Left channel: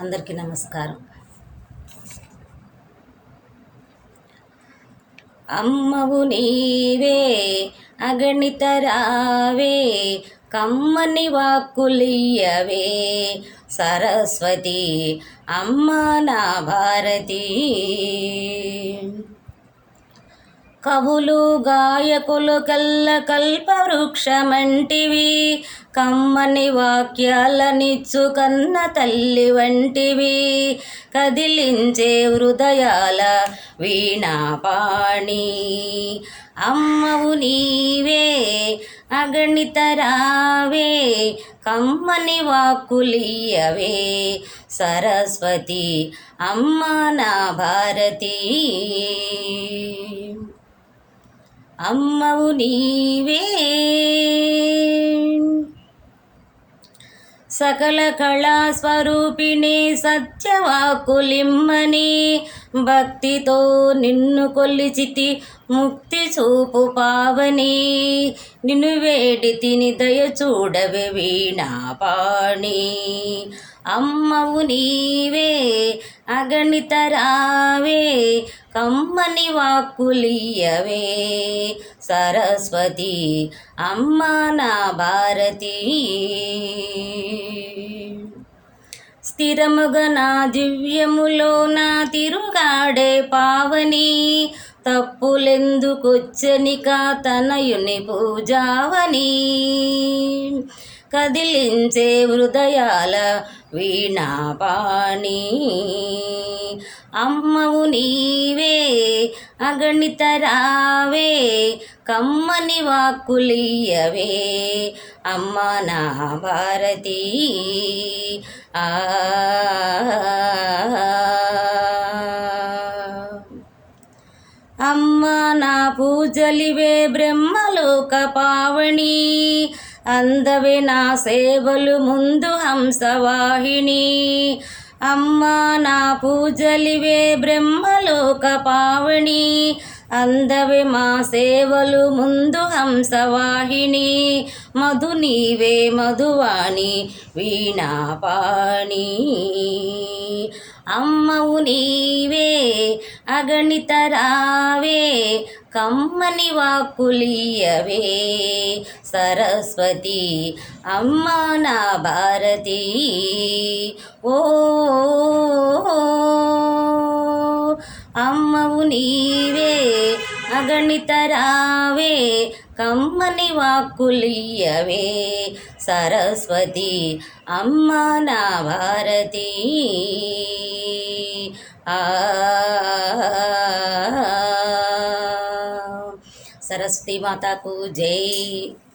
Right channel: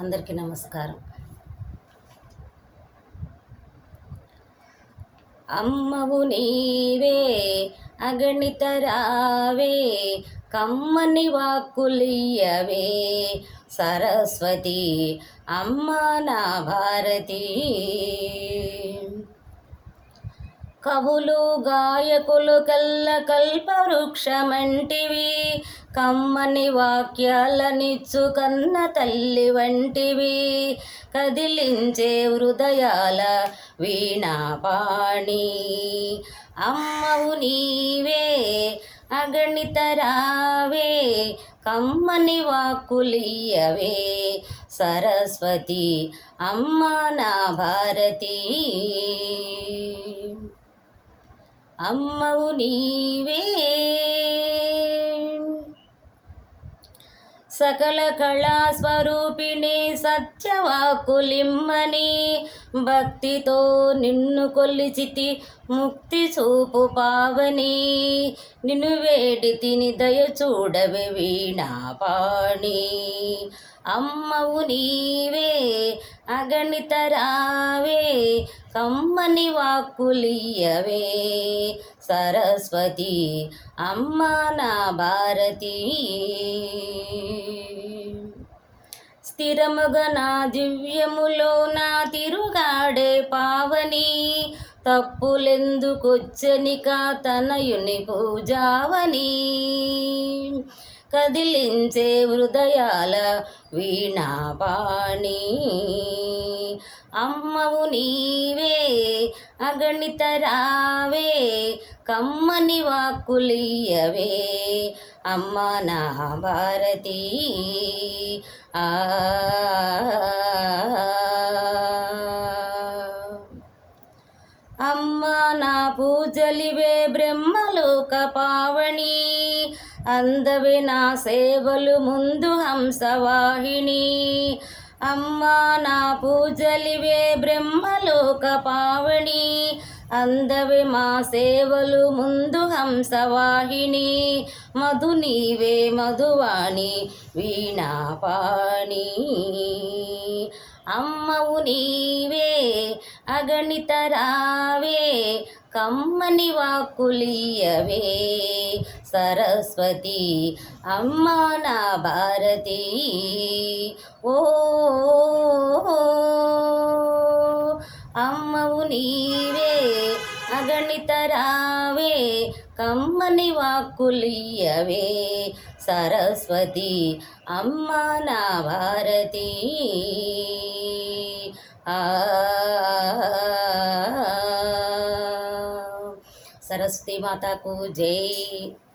అందరికీ నమస్కారం. అమ్మవు నీవే అగణిత రావే, కమ్మని వాక్కులియవే సరస్వతి అమ్మ నా భారతి. కవులు గాయకులు కల్ల కల్పవృక్షమంటివి, కమ్మని వాక్యాలనిచ్చు కన్న తల్లి వంటివి, కదిలించే హృదయాల వీణాపాణి. అమ్మవు నీవే అగణిత రావే, కమ్మని వాక్కులియవే సరస్వతి అమ్మ నా భారతి. అమ్మవు నీవే సకల కళా స్వరూపిణి, సత్యవాకులిమ్మని భక్తితో నిన్ను కొలిచితి ముక్తి చూపు పావని. నిన్ను వేడి తిని దయ చూడవే వీణాపాణి. అమ్మవు నీవే అగణిత రావే, కమ్మని వాక్కులియవే సరస్వతి అమ్మ నా భారతి. స్థిరముగ నా దివ్యములో నా తిరుగాడే పావని, తప్పులెందుకొచ్చనిక తనయుని పూజావని, కదిలించే హృదయాల వీణాపాణి. అమ్మవు నీవే అగణిత రావే, కమ్మని వాక్కులియవే అమ్మ నా భారతి. అమ్మ నా పూజలివే బ్రహ్మలోక పావని, అందవే నా సేవలు ముందు హంసవాహిని. అమ్మ నా పూజలివే బ్రహ్మలోక పావని, అందవే మా సేవలు ముందు హంసవాహిని. మధు నీవే మధువాణి వీణాపాణి. అమ్మవు నీవే అగణిత రావే, కమ్మని వాక్కులియవే సరస్వతి అమ్మ నా భారతి. ఓ అమ్మవు నీవే అగణిత రావే, కమ్మని వాక్కులియవే సరస్వతి అమ్మ నా భారతి. सरस्वती माता को जय।